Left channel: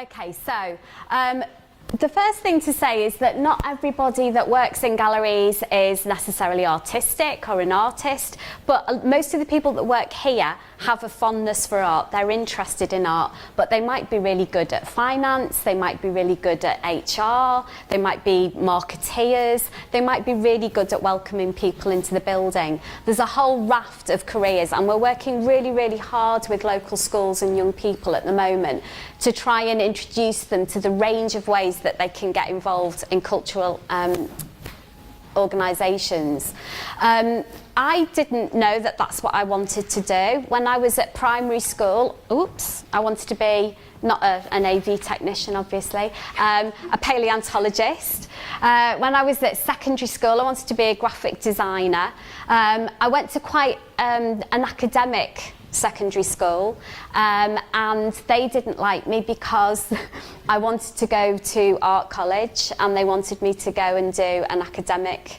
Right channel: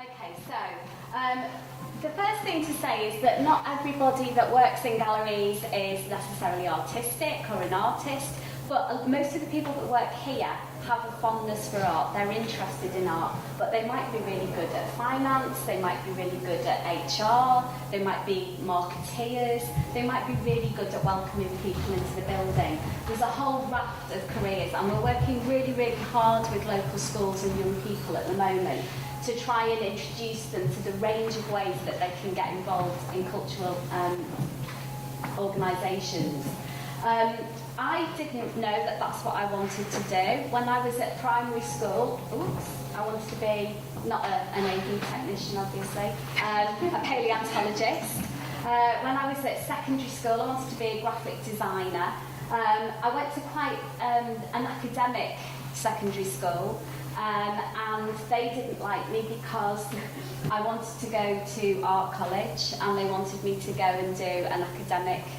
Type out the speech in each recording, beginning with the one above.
Okay, so the first thing to say is that not everybody that works in galleries is necessarily artistic or an artist, but most of the people that work here have a fondness for art. They're interested in art, but they might be really good at finance, they might be really good at HR, they might be marketeers, they might be really good at welcoming people into the building. There's a whole raft of careers, and we're working really, really hard with local schools and young people at the moment to try and introduce them to the range of ways that they can get involved in cultural organisations. I didn't know that that's what I wanted to do. When I was at primary school, I wanted to be, not an AV technician obviously, a paleontologist. When I was at secondary school, I wanted to be a graphic designer. I went to quite an academic secondary school, and they didn't like me because I wanted to go to art college and they wanted me to go and do an academic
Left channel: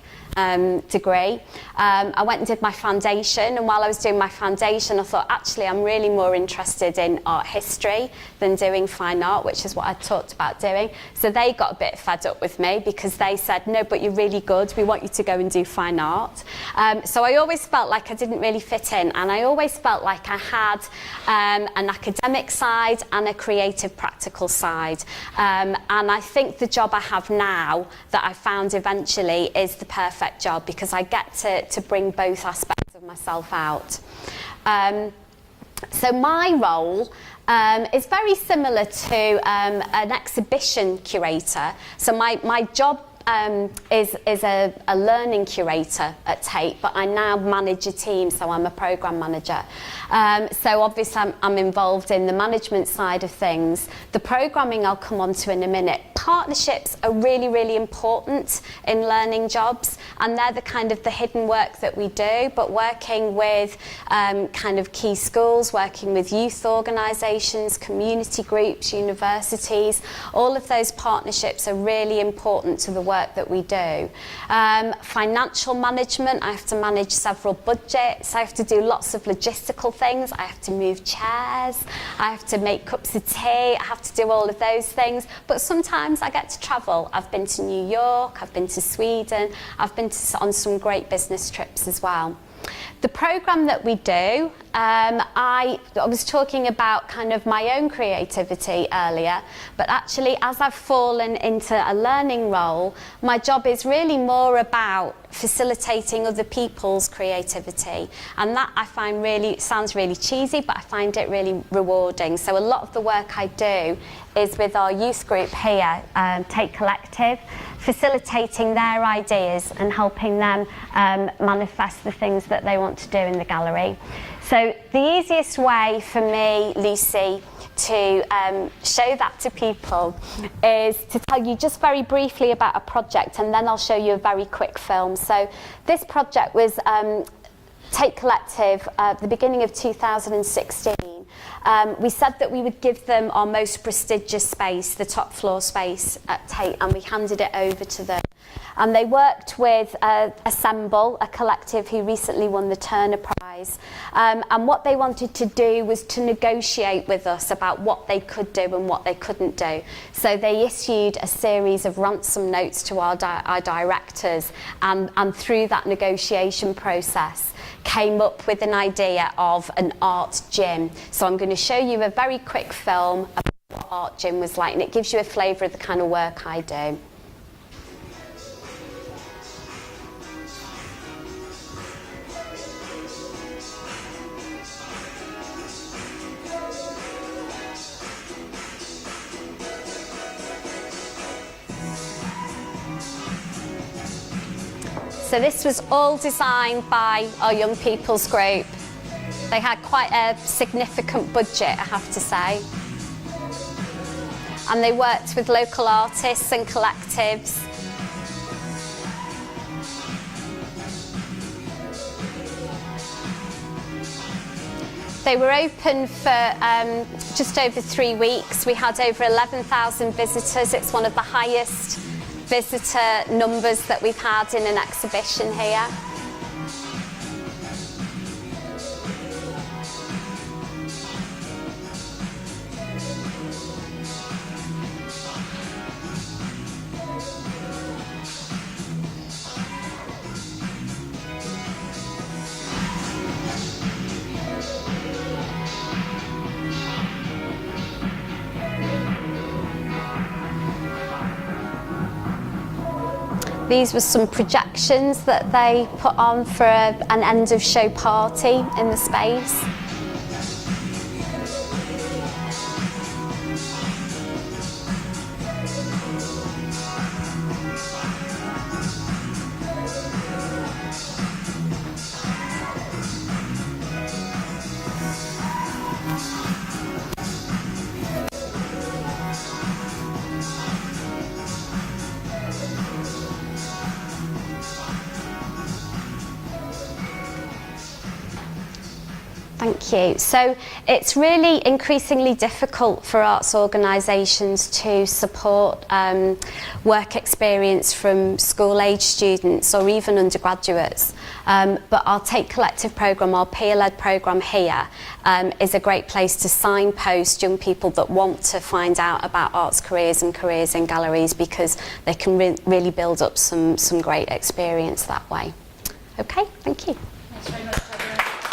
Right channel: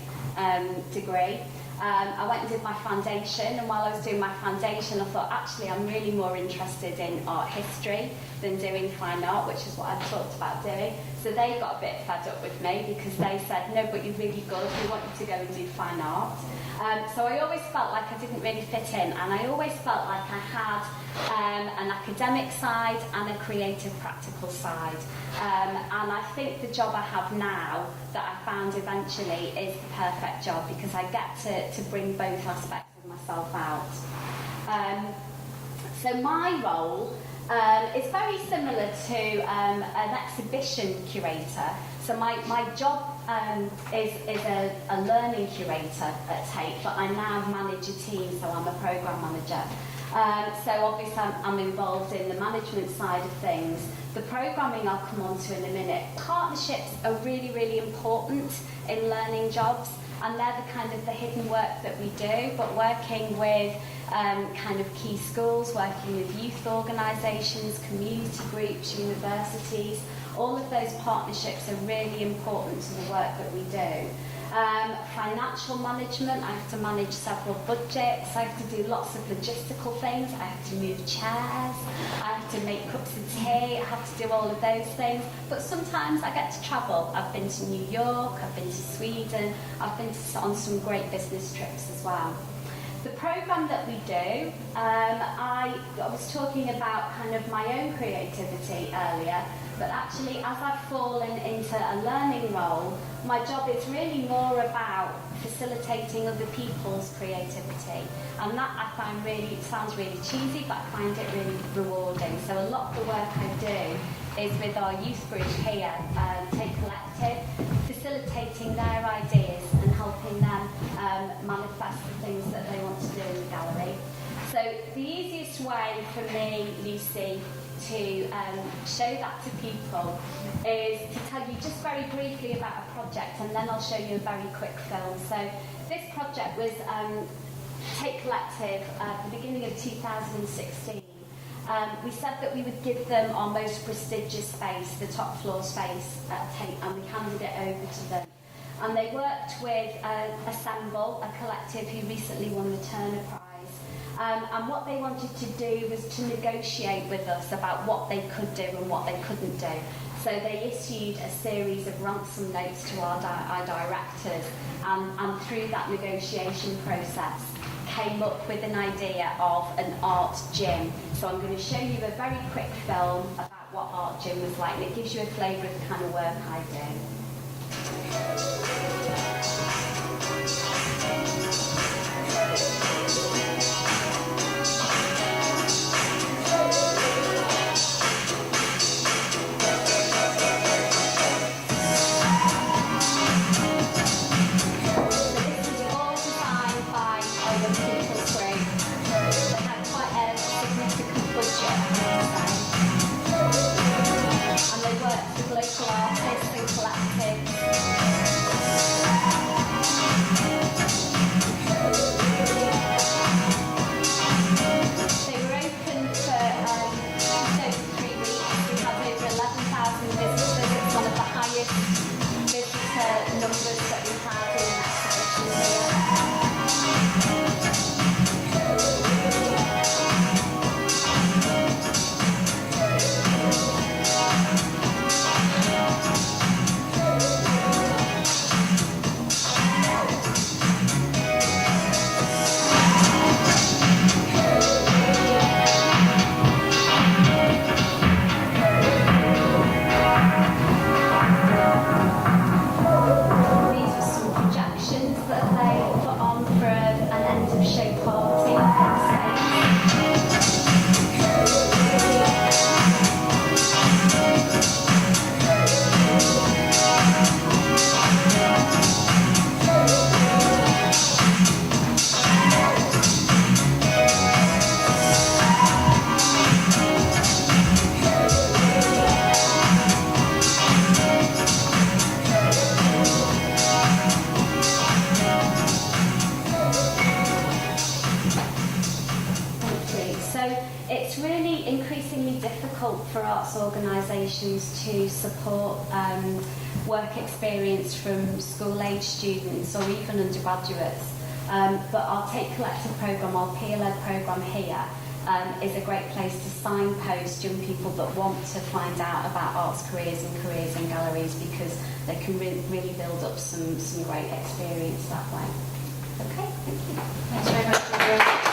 degree. I went and did my foundation, and while I was doing my foundation I thought actually I'm really more interested in art history than doing fine art, which is what I talked about doing. So they got a bit fed up with me because they said, no, but you're really good, we want you to go and do fine art. So I always felt like I didn't really fit in, and I always felt like I had an academic side and a creative practical side. And I think the job I have now that I found eventually is the perfect job because I get to bring both aspects of myself out. So my role is very similar to an exhibition curator. So my job is a learning curator at Tate, but I now manage a team, so I'm a programme manager. So obviously I'm involved in the management side of things. The programming I'll come on to in a minute. Partnerships are really, really important in learning jobs, and they're the kind of the hidden work that we do, but working with kind of key schools, working with youth organisations, community groups, universities, all of those partnerships are really important to the work that we do. Financial management, I have to manage several budgets, I have to do lots of logistical things, I have to move chairs, I have to make cups of tea, I have to do all of those things, but sometimes I get to travel. I've been to New York, I've been to Sweden, I've been on some great business trips as well. The programme that we do, I was talking about kind of my own creativity earlier, but actually as I've fallen into a learning role, my job is really more about facilitating other people's creativity, and that I find really, sounds really cheesy, but I find it really rewarding. So a lot of the work I do is with our youth group here, Tate Collective, facilitating their ideas and helping them manifest the things that they want to do in the gallery. So the easiest way for me, Lucy, to show that to people is to tell you just very briefly about a project, and then I'll show you a very quick film. So this project was Tate Collective at the beginning of 2016. We said that we would give them our most prestigious space, the top floor space at Tate, and we handed it over to them. And they worked with Assemble, a collective who recently won the Turner Prize. And what they wanted to do was to negotiate with us about what they could do and what they couldn't do. So they issued a series of ransom notes to our directors, and through that negotiation process came up with an idea of an art gym. So I'm going to show you a very quick film about what art gym was like, and it gives you a flavour of the kind of work I do. So this was all designed by our young people's group. They had quite a significant budget, I have to say. And they worked with local artists and collectives. They were open for just over 3 weeks. We had over 11,000 visitors. It's one of the highest visitor numbers that we've had in an exhibition here. Galleries with some projections that they put on for an end of show party in the space. Thank you. So it's really increasingly difficult for arts organisations to support work experience from school-age students or even undergraduates. But our Tate Collective programme, our peer-led programme here, is a great place to signpost young people that want to find out about arts careers and careers in galleries, because they can really build up some great experience that way. Okay, thank you. Thanks very much.